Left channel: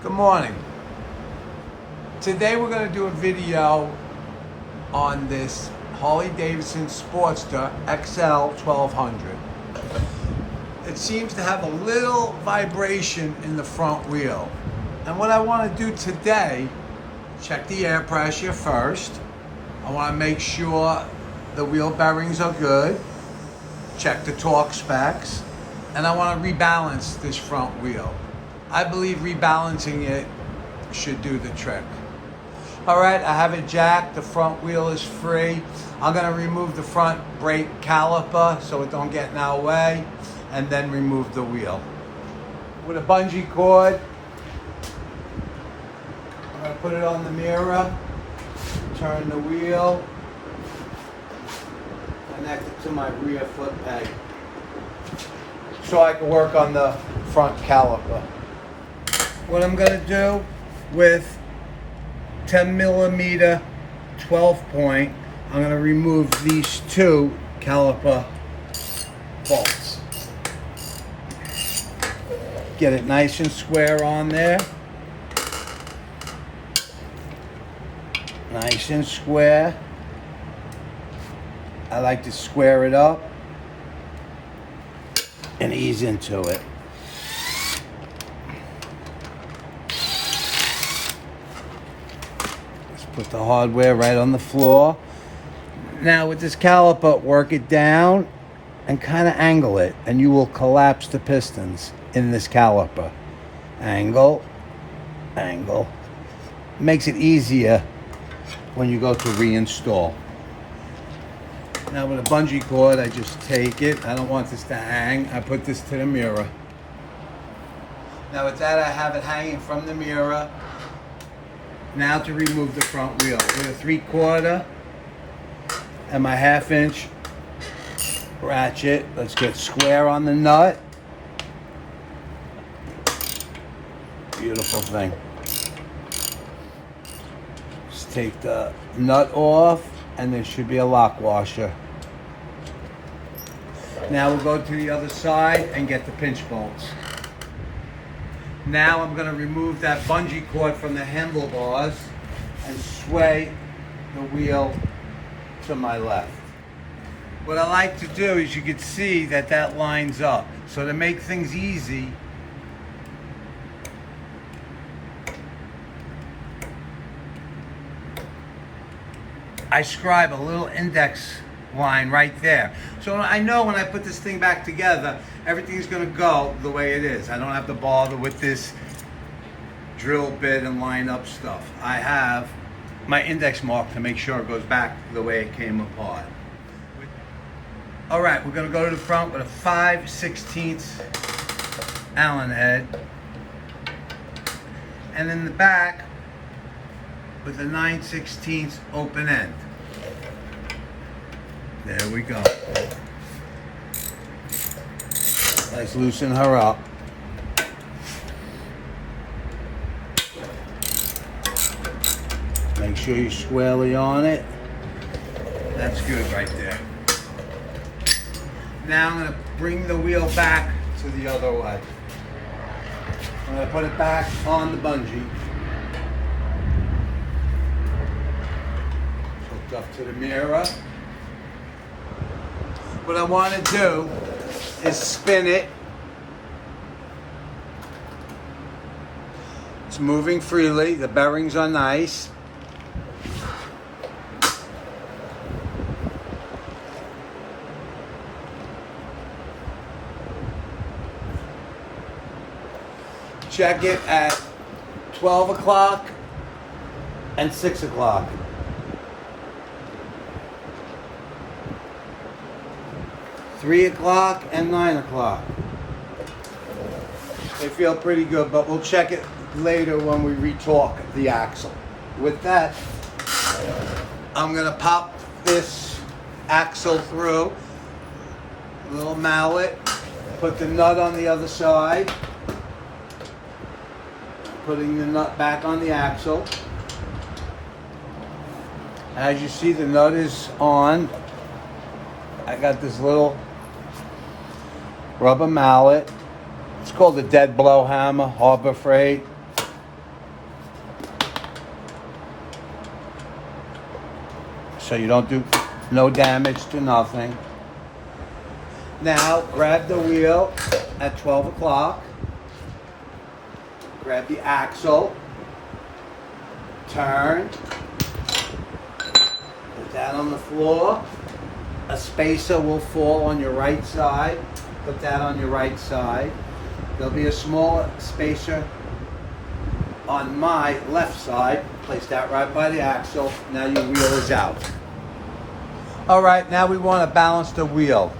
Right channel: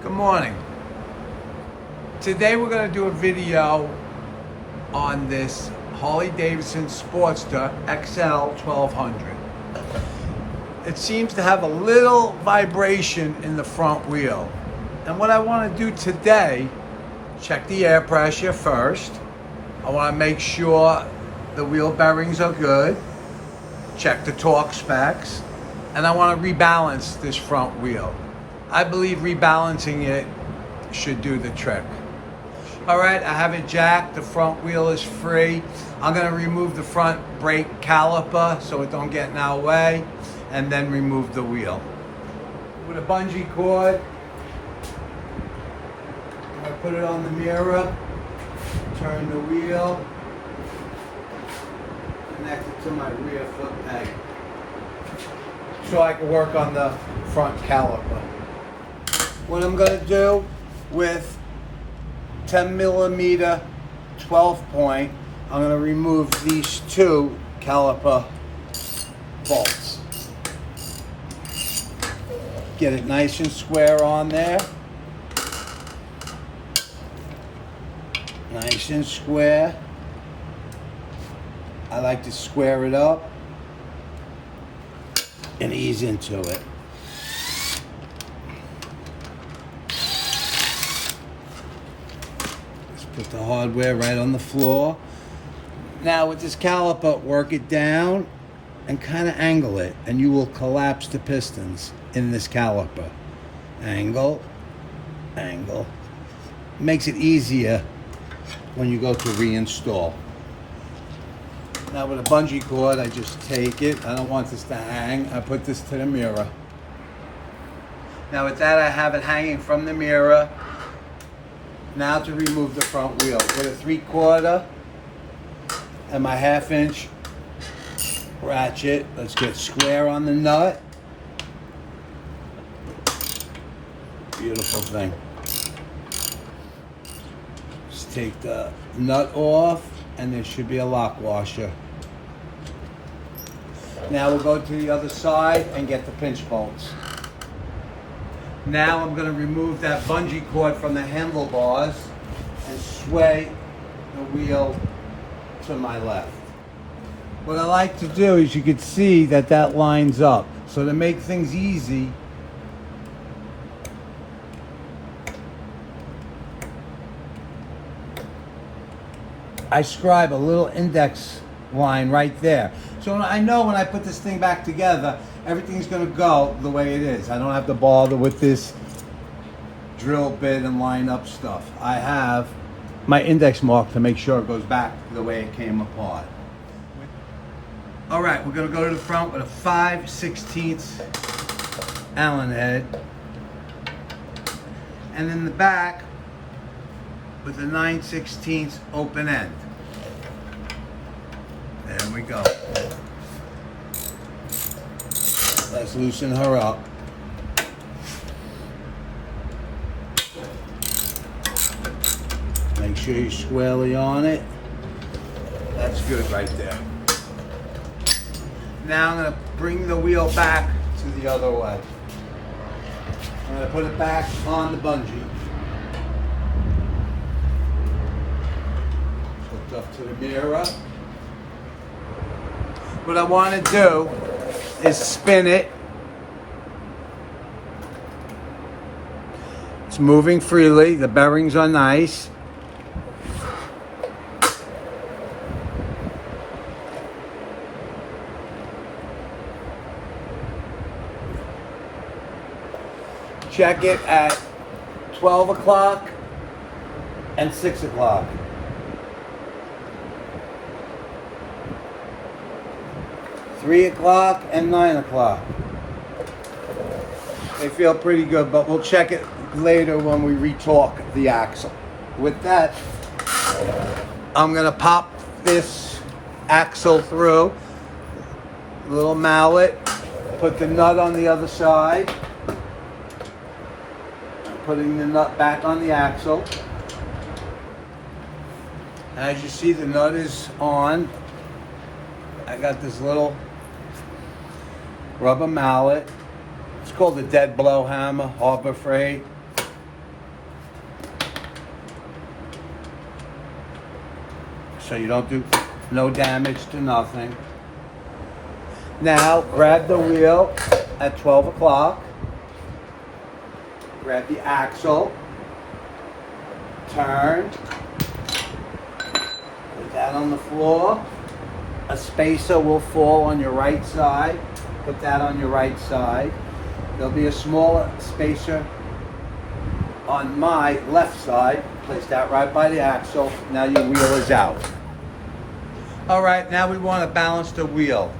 Good morning. Today we're going to do a video on this Harley-Davidson Sportster XL 1200. It seems to have a little vibration in the front wheel. And what I want to do today, check the air pressure first. I want to make sure the wheel bearings are good. Check the torque specs. And I want to rebalance this front wheel. I believe rebalancing it should do the trick. All right, I have it jacked. The front wheel is free. I'm gonna remove the front brake caliper so it don't get in our way, and then remove the wheel. With a bungee cord, I'm gonna put it on the mirror, turn the wheel, connect it to my rear foot peg so I can work on the front caliper. What I'm going to do with 10 millimeter 12 point, I'm going to remove these two caliper bolts. Get it nice and square on there. Nice and square. I like to square it up and ease into it. Put the hardware right on the floor. Now with this caliper, work it down and kind of angle it, and you will collapse the pistons in this caliper. Angle, angle. Makes it easier when you go to reinstall. Now with a bungee cord, I just take it. I don't want this to hang. I put this to the mirror. Now with that, I have it hanging from the mirror. Now to remove the front wheel, with a 3/4 and my 1/2 inch ratchet. Let's get square on the nut. Beautiful thing. Just take the nut off, and there should be a lock washer. Now we'll go to the other side and get the pinch bolts. Now I'm going to remove that bungee cord from the handlebars and sway the wheel to my left. What I like to do is, you can see that that lines up. So to make things easy, I scribe a little index line right there. So I know when I put this thing back together, everything's going to go the way it is. I don't have to bother with this drill bit and line up stuff. I have my index mark to make sure it goes back the way it came apart. All right, we're going to go to the front with a 5/16 Allen head, and in the back with a 9/16 open end. There we go. Let's loosen her up. Make sure you're squarely on it. That's good right there. Now I'm going to bring the wheel back to the other way. I'm going to put it back on the bungee. Hooked up to the mirror. What I want to do is spin it. It's moving freely. The bearings are nice. Check it at 12 o'clock and 6 o'clock. Three o'clock and 9 o'clock. They feel pretty good, but we'll check it later when we retorque the axle. With that, I'm gonna pop this axle through, little mallet, put the nut on the other side. I'm putting the nut back on the axle. As you see, the nut is on. I got this little rubber mallet. It's called a dead blow hammer, Harbor Freight. so you don't do no damage to nothing. Now, grab the wheel at 12 o'clock. Grab the axle. Turn. Put that on the floor. A spacer will fall on your right side. Put that on your right side. There'll be a smaller spacer on my left side. Place that right by the axle. Now your wheel is out. All right, now we want to balance the wheel.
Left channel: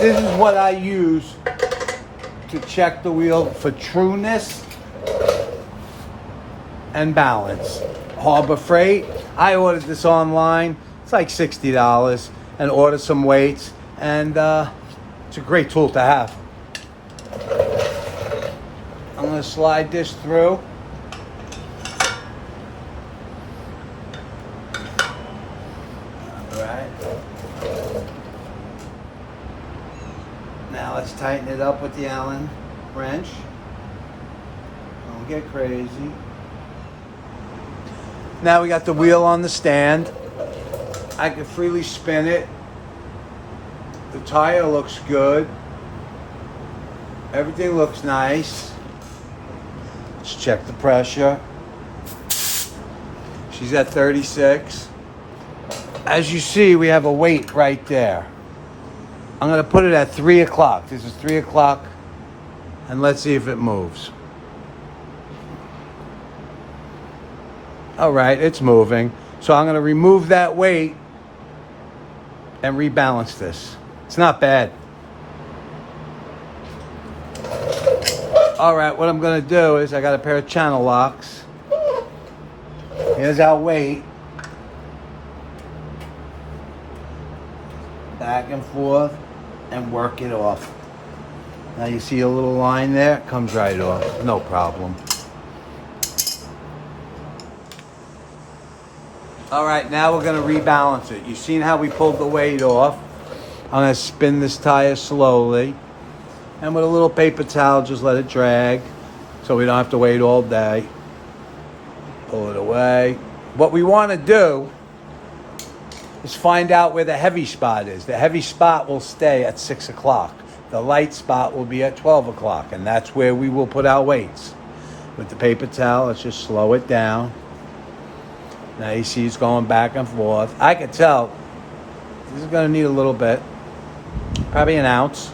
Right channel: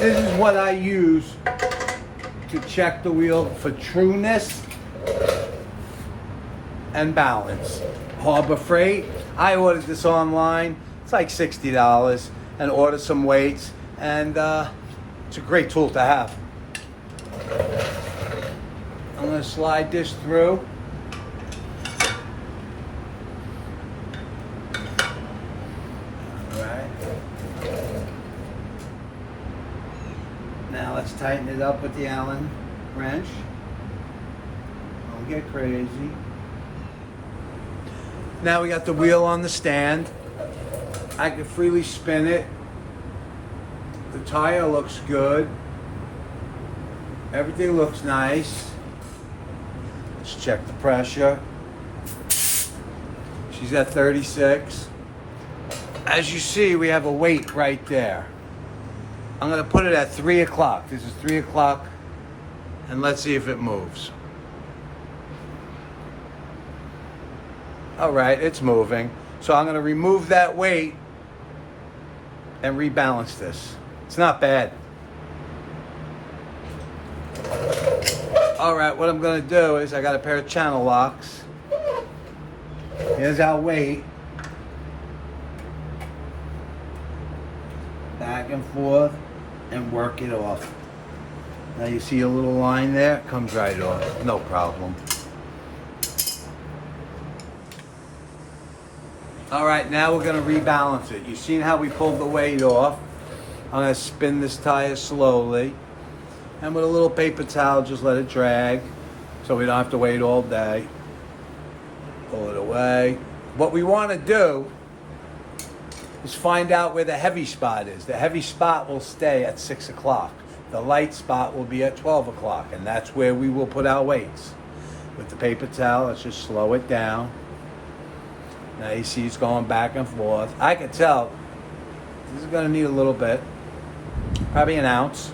This is what I use to check the wheel for trueness and balance. Harbor Freight, I ordered this online. It's like $60 and ordered some weights, and it's a great tool to have. I'm going to slide this through. Now let's tighten it up with the Allen wrench. Don't get crazy. Now we got the wheel on the stand. I can freely spin it. The tire looks good. Everything looks nice. Let's check the pressure. She's at 36. As you see, we have a weight right there. I'm going to put it at 3 o'clock. This is 3 o'clock, and let's see if it moves. All right, it's moving. So I'm going to remove that weight and rebalance this. It's not bad. All right, what I'm going to do is I got a pair of channel locks. Here's our weight. Back and forth and work it off. Now you see a little line there? It comes right off. No problem. All right, now we're going to rebalance it. You've seen how we pulled the weight off. I'm going to spin this tire slowly. And with a little paper towel, just let it drag so we don't have to wait all day. Pull it away. What we want to do is find out where the heavy spot is. The heavy spot will stay at 6 o'clock. The light spot will be at 12 o'clock, and that's where we will put our weights. With the paper towel, let's just slow it down. Now you see it's going back and forth. I can tell this is going to need a little bit, probably an ounce.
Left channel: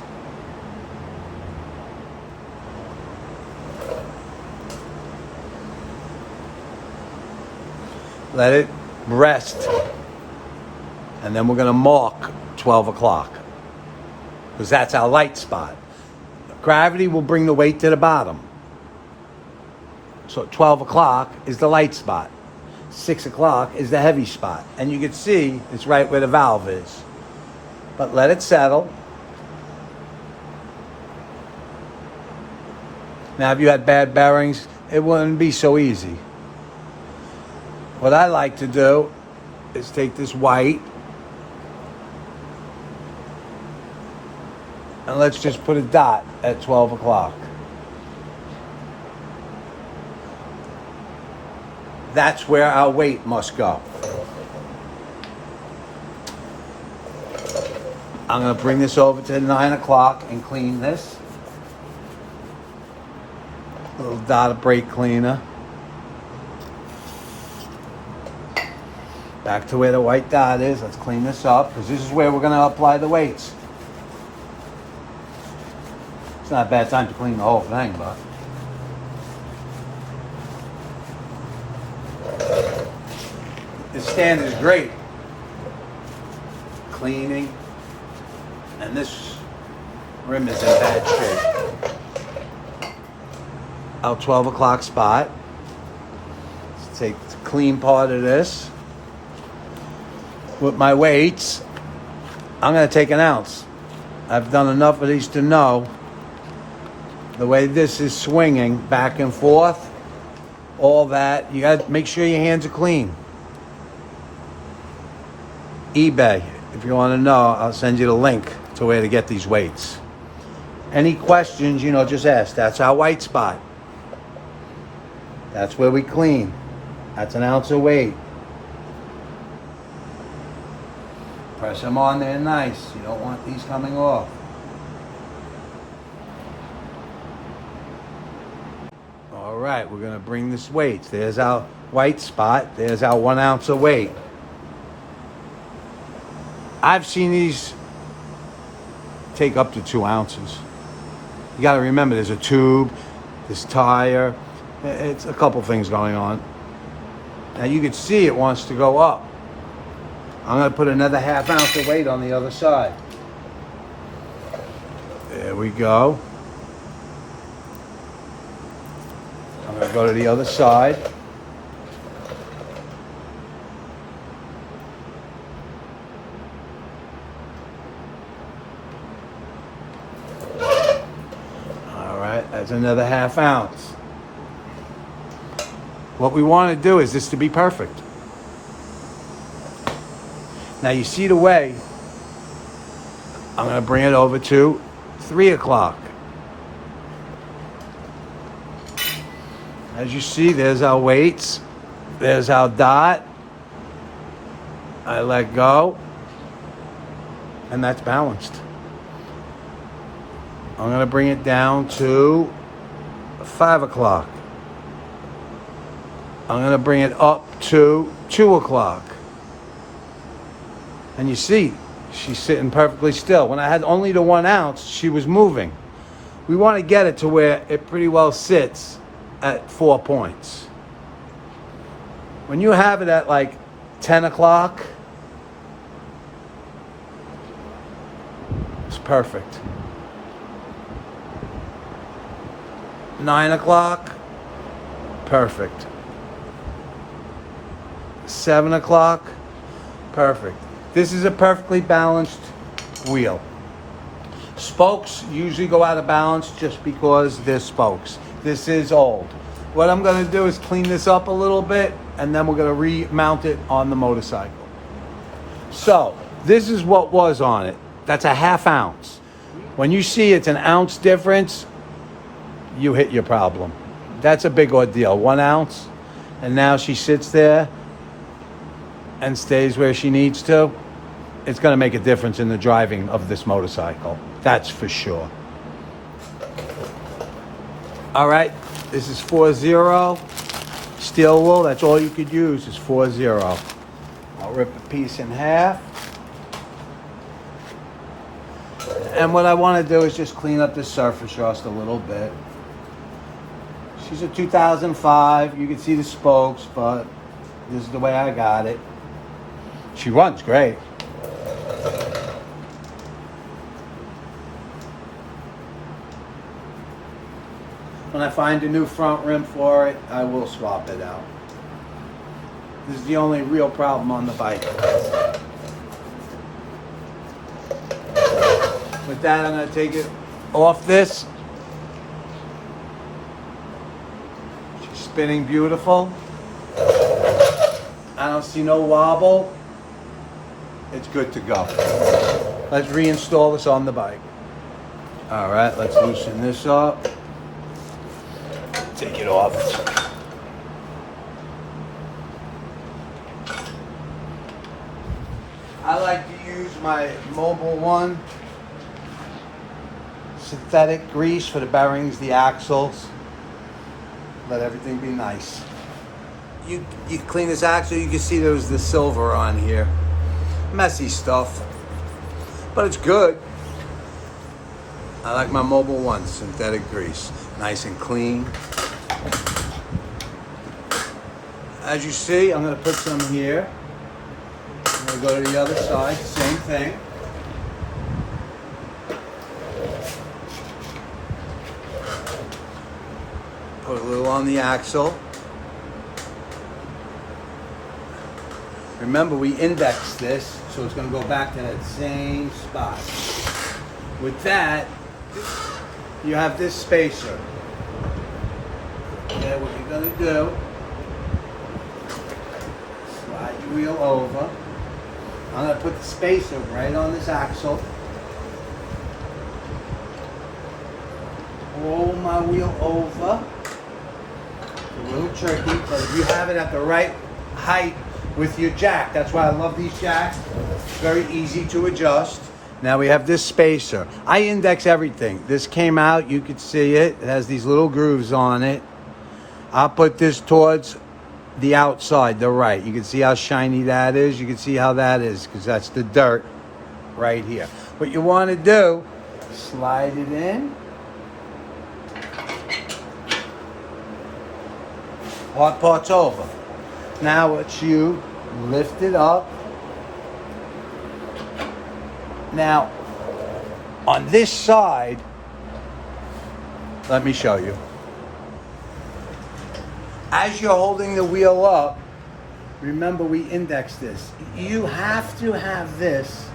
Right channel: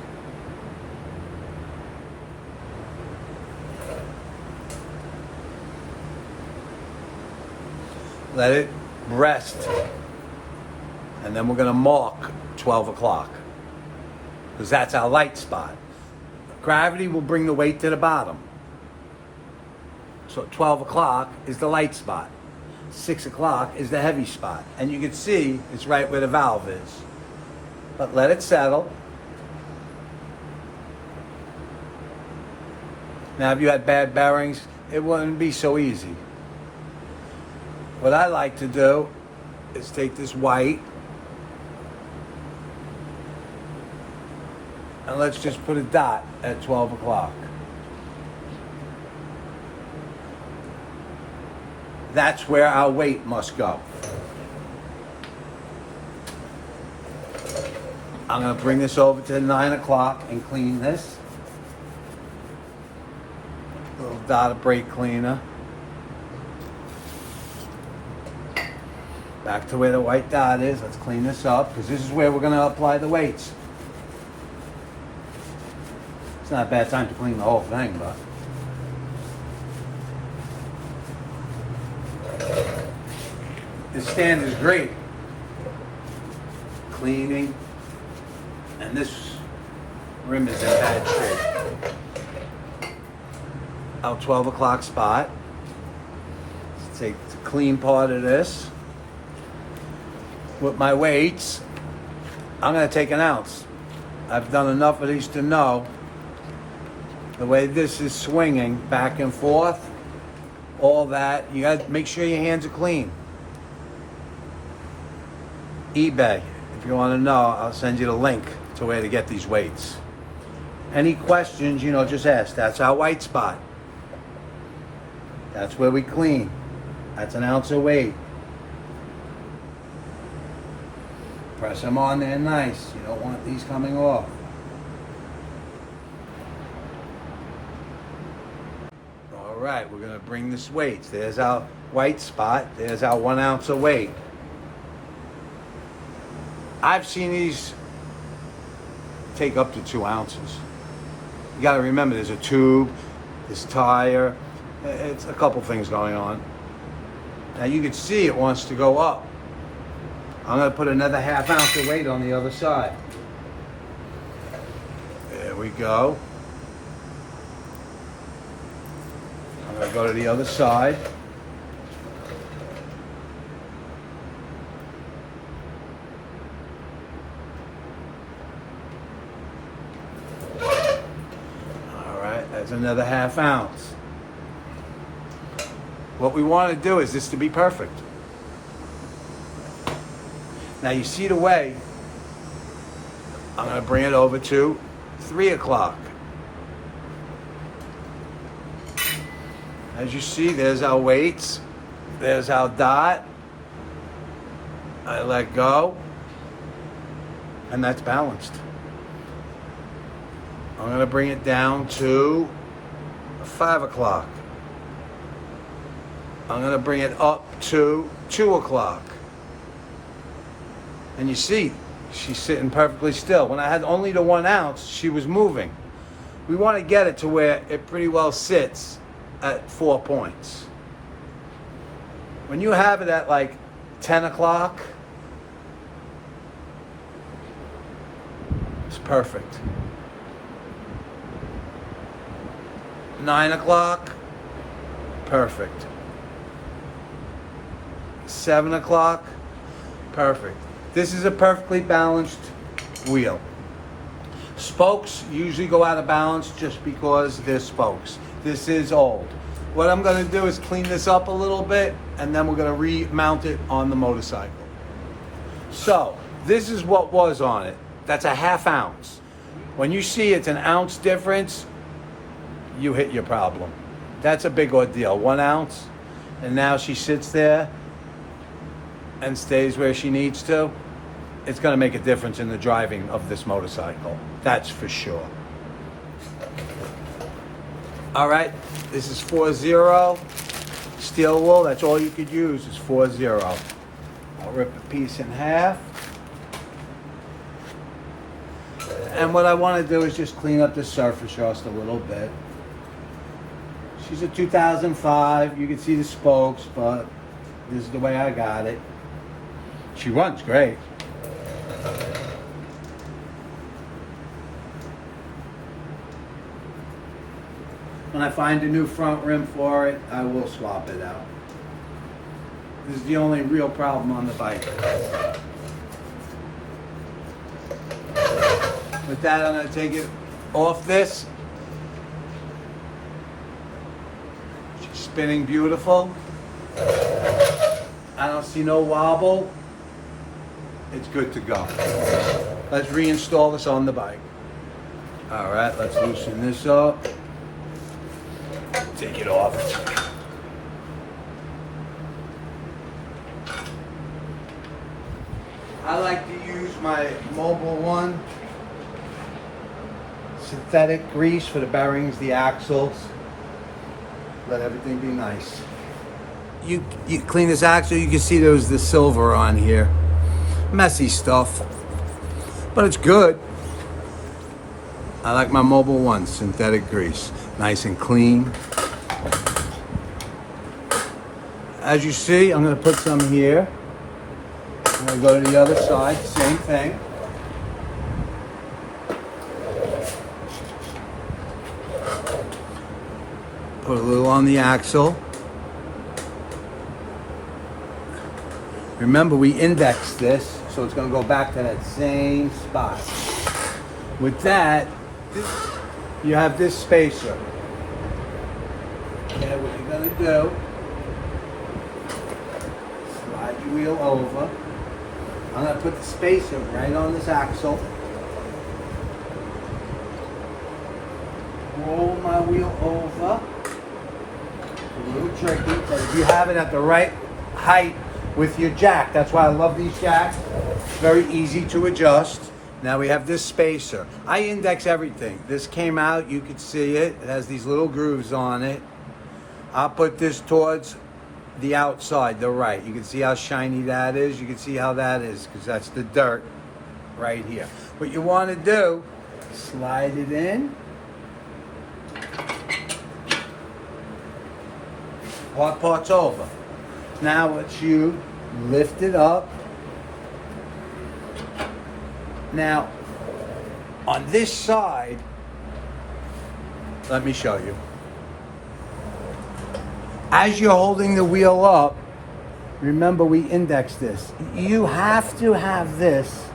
Let it rest. And then we're going to mark 12 o'clock. Because that's our light spot. Gravity will bring the weight to the bottom. So 12 o'clock is the light spot. 6 o'clock is the heavy spot. And you can see it's right where the valve is. But let it settle. Now if you had bad bearings, it wouldn't be so easy. What I like to do is take this white and let's just put a dot at 12 o'clock. That's where our weight must go. I'm going to bring this over to 9 o'clock and clean this. A little dot of brake cleaner. Back to where the white dot is. Let's clean this up because this is where we're going to apply the weights. It's not a bad time to clean the whole thing, but this stand is great. Cleaning. And this rim is in bad shape. Our 12 o'clock spot. Let's take the clean part of this. With my weights, I'm going to take an ounce. I've done enough of these to know the way this is swinging back and forth, all that. You got to make sure your hands are clean. eBay, if you want to know, I'll send you the link to where to get these weights. Any questions, just ask. That's our white spot. That's where we clean. That's an ounce of weight. Press them on there nice. You don't want these coming off. All right, we're gonna bring this weight. There's our white spot. There's our 1 ounce of weight. I've seen these take up to 2 ounces. You gotta remember, there's a tube, this tire. It's a couple things going on. Now you can see it wants to go up. I'm gonna put another 1/2 ounce of weight on the other side. There we go. I'm gonna go to the other side. All right, that's another 1/2 ounce. What we want to do is this to be perfect. Now you see the way. I'm going to bring it over to 3 o'clock. As you see, there's our weights. There's our dot. I let go. And that's balanced. I'm going to bring it down to 5 o'clock. I'm going to bring it up to 2 o'clock. And you see, she's sitting perfectly still. When I had only the 1 ounce, she was moving. We want to get it to where it pretty well sits at 4 points. When you have it at like 10 o'clock, it's perfect. 9 o'clock, perfect. 7 o'clock, perfect. This is a perfectly balanced wheel. Spokes usually go out of balance just because they're spokes. This is old. What I'm going to do is clean this up a little bit, and then we're going to remount it on the motorcycle. So, this is what was on it. That's a 1/2 ounce. When you see it's an ounce difference, you hit your problem. That's a big ordeal. 1 ounce, and now she sits there and stays where she needs to. It's going to make a difference in the driving of this motorcycle. That's for sure. All right, this is 4-0. Steel wool, that's all you could use is 4-0. I'll rip a piece in half. And what I want to do is just clean up the surface just a little bit. She's a 2005. You can see the spokes, but this is the way I got it. She runs great. When I find a new front rim for it, I will swap it out. This is the only real problem on the bike. With that, I'm going to take it off this. She's spinning beautiful. I don't see no wobble. It's good to go. Let's reinstall this on the bike. All right, let's loosen this up. Take it off. I like to use my Mobile One synthetic grease for the bearings, the axles. Let everything be nice. You clean this axle, you can see there's the silver on here. Messy stuff, but it's good. I like my Mobile One synthetic grease, nice and clean. As you see, I'm going to put some here. I'm going to go to the other side, same thing. Put a little on the axle. Remember, we indexed this, so it's going to go back to that same spot. With that, you have this spacer. Okay, what you're going to do, slide your wheel over. I'm going to put the spacer right on this axle. Roll my wheel over. It's a little tricky, but if you have it at the right height with your jack. That's why I love these jacks. Very easy to adjust. Now we have this spacer. I index everything. This came out, you could see it. It has these little grooves on it. I'll put this towards the outside, the right. You can see how shiny that is. You can see how that is, because that's the dirt right here. What you want to do, slide it in. Hard part's over. Now it's you lift it up. Now, on this side, let me show you. As you're holding the wheel up, remember we indexed this. You have to have this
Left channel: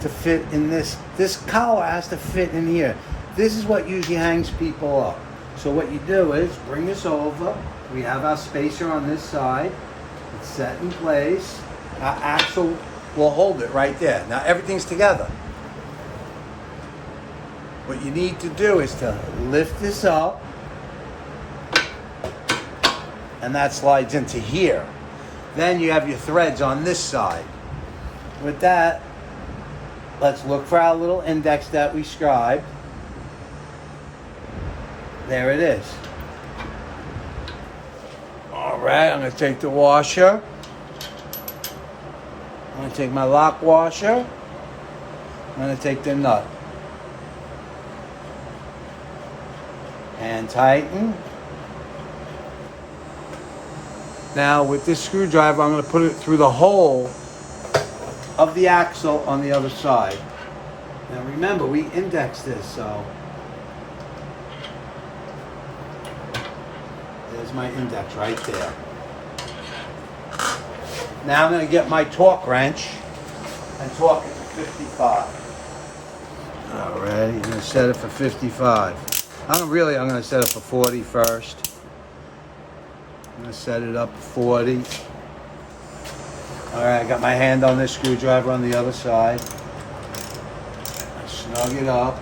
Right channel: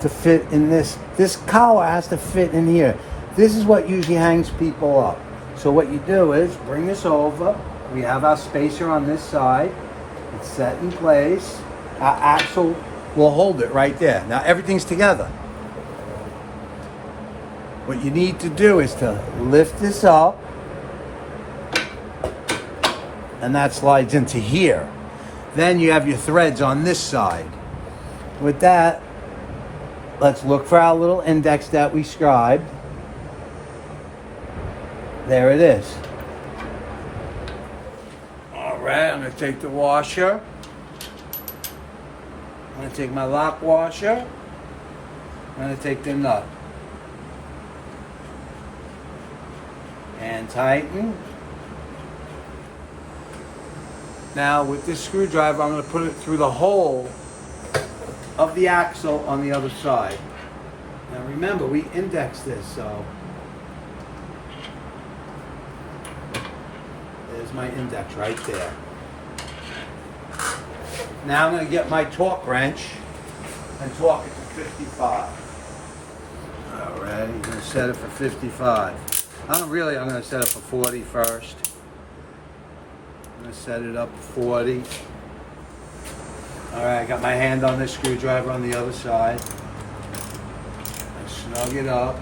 to fit in this. This collar has to fit in here. This is what usually hangs people up. So what you do is bring this over. We have our spacer on this side. It's set in place. Our axle will hold it right there. Now everything's together. What you need to do is to lift this up, and that slides into here. Then you have your threads on this side. With that, let's look for our little index that we scribed. There it is. All right, I'm gonna take the washer. I'm going to take my lock washer. I'm going to take the nut. And tighten. Now with this screwdriver, I'm going to put it through the hole of the axle on the other side. Now remember, we indexed this, so there's my index right there. Now I'm going to get my torque wrench and torque it to 55. All right, you're going to set it for 55. I'm going to set it for 40 first. I'm going to set it up for 40. All right, I got my hand on this screwdriver on the other side. I snug it up.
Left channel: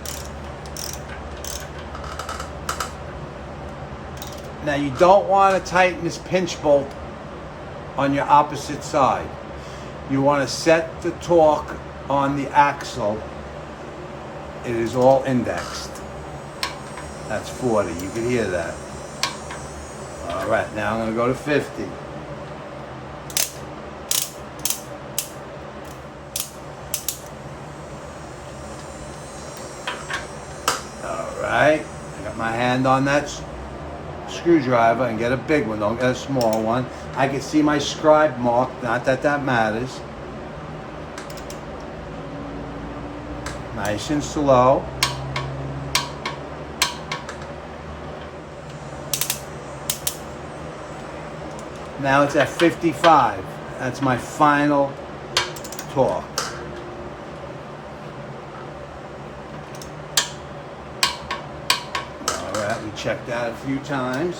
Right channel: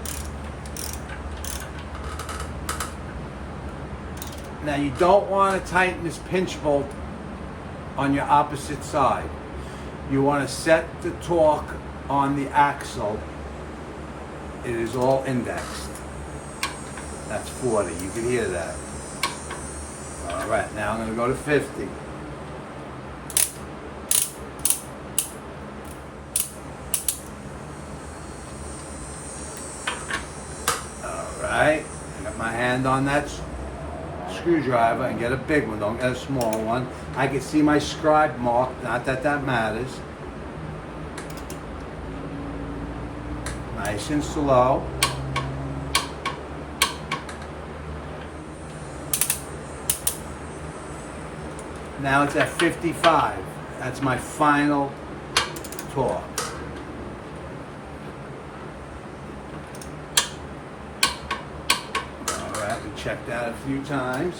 Now you don't want to tighten this pinch bolt on your opposite side. You want to set the torque on the axle. It is all indexed. That's 40. You can hear that. All right, now I'm going to go to 50. All right, I got my hand on that screwdriver, and get a big one, don't get a small one. I can see my scribe mark, not that that matters. Nice and slow. Now it's at 55. That's my final torque. Alright, we checked that a few times.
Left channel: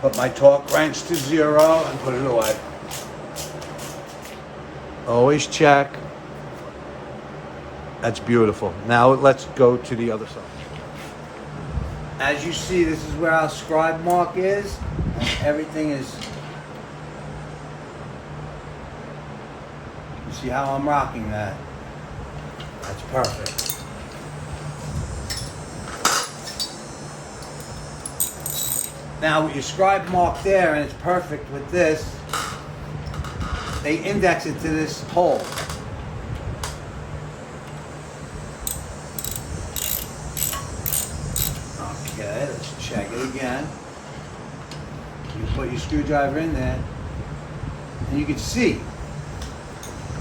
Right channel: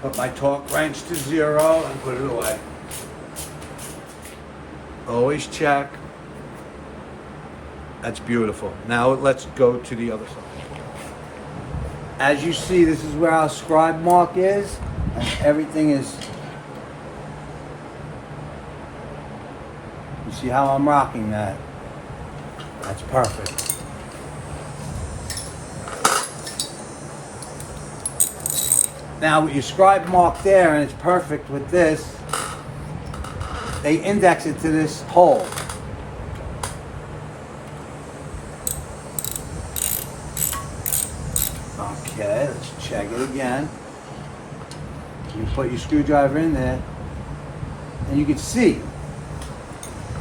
Put my torque wrench to 0 and put it away. Always check. That's beautiful. Now let's go to the other side. As you see, this is where our scribe mark is, and everything is. You see how I'm rocking that? That's perfect. Now with your scribe mark there, and it's perfect with this, they index it to this hole. Okay, let's check it again. You put your screwdriver in there, and you can see,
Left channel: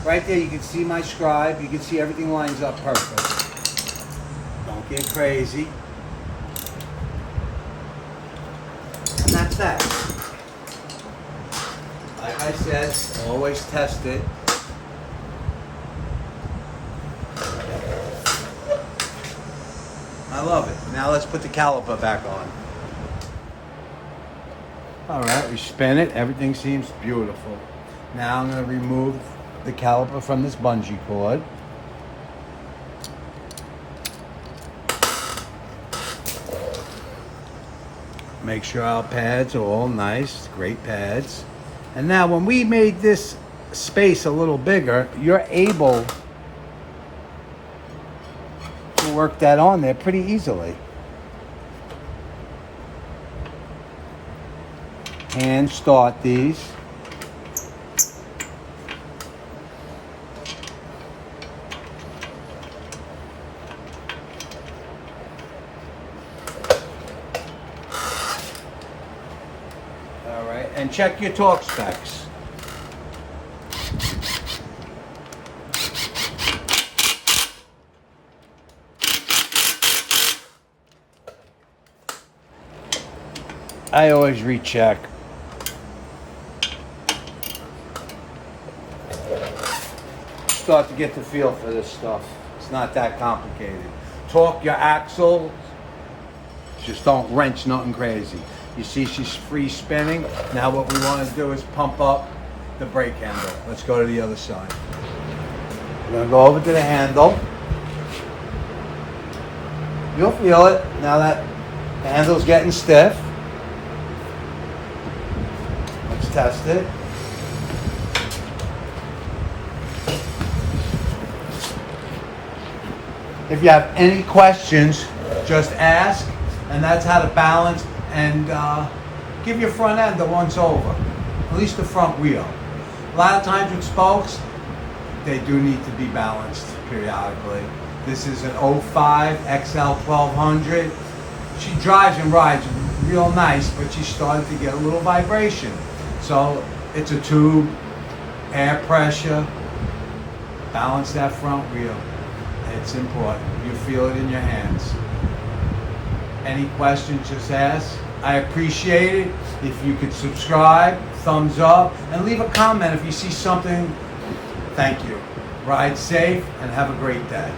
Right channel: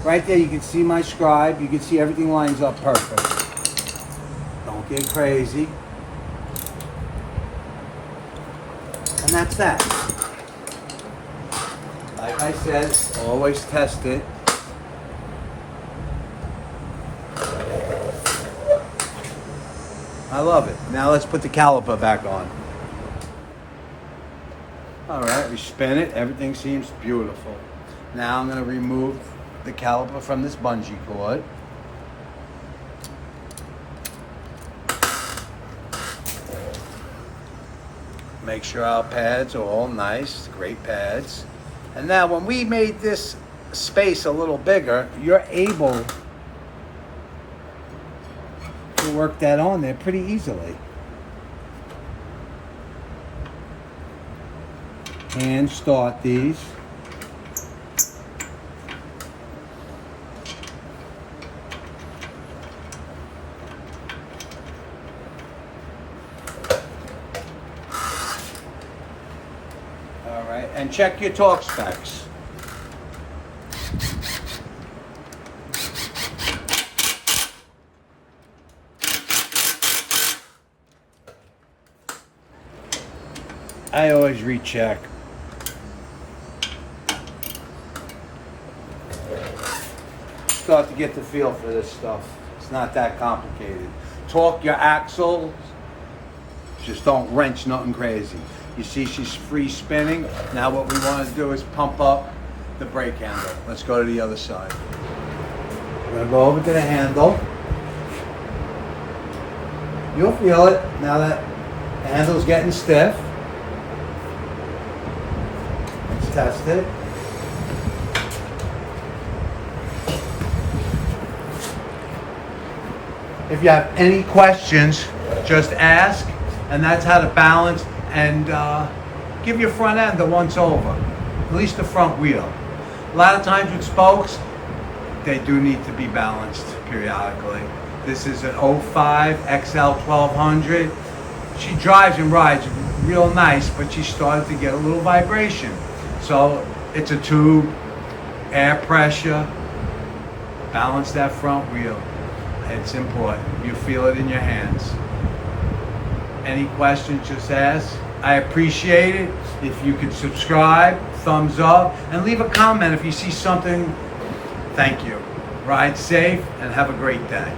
right there you can see my scribe, you can see everything lines up perfect. Don't get crazy. And that's that. Like I said, always test it. I love it. Now let's put the caliper back on. All right, we spin it. Everything seems beautiful. Now I'm going to remove the caliper from this bungee cord. Make sure our pads are all nice, great pads. And now when we made this space a little bigger, you're able to work that on there pretty easily. Hand start these. All right, and check your torque specs. I always recheck. Start to get the feel for this stuff. It's not that complicated. Torque your axle. Just don't wrench nothing crazy. You see she's free spinning. Now what we want to do is pump up the brake handle. Let's go to the other side. We're going to go over to the handle. You'll feel it now that the handle's getting stiff. Let's test it. If you have any questions, just ask, and that's how to balance and give your front end a once over, at least the front wheel. A lot of times with spokes, they do need to be balanced periodically. This is an 05 XL 1200. She drives and rides real nice, but she started to get a little vibration. So it's a tube, air pressure, balance that front wheel. It's important. You feel it in your hands. Any questions, just ask. I appreciate it. If you could subscribe, thumbs up, and leave a comment if you see something. Thank you. Ride safe and have a great day.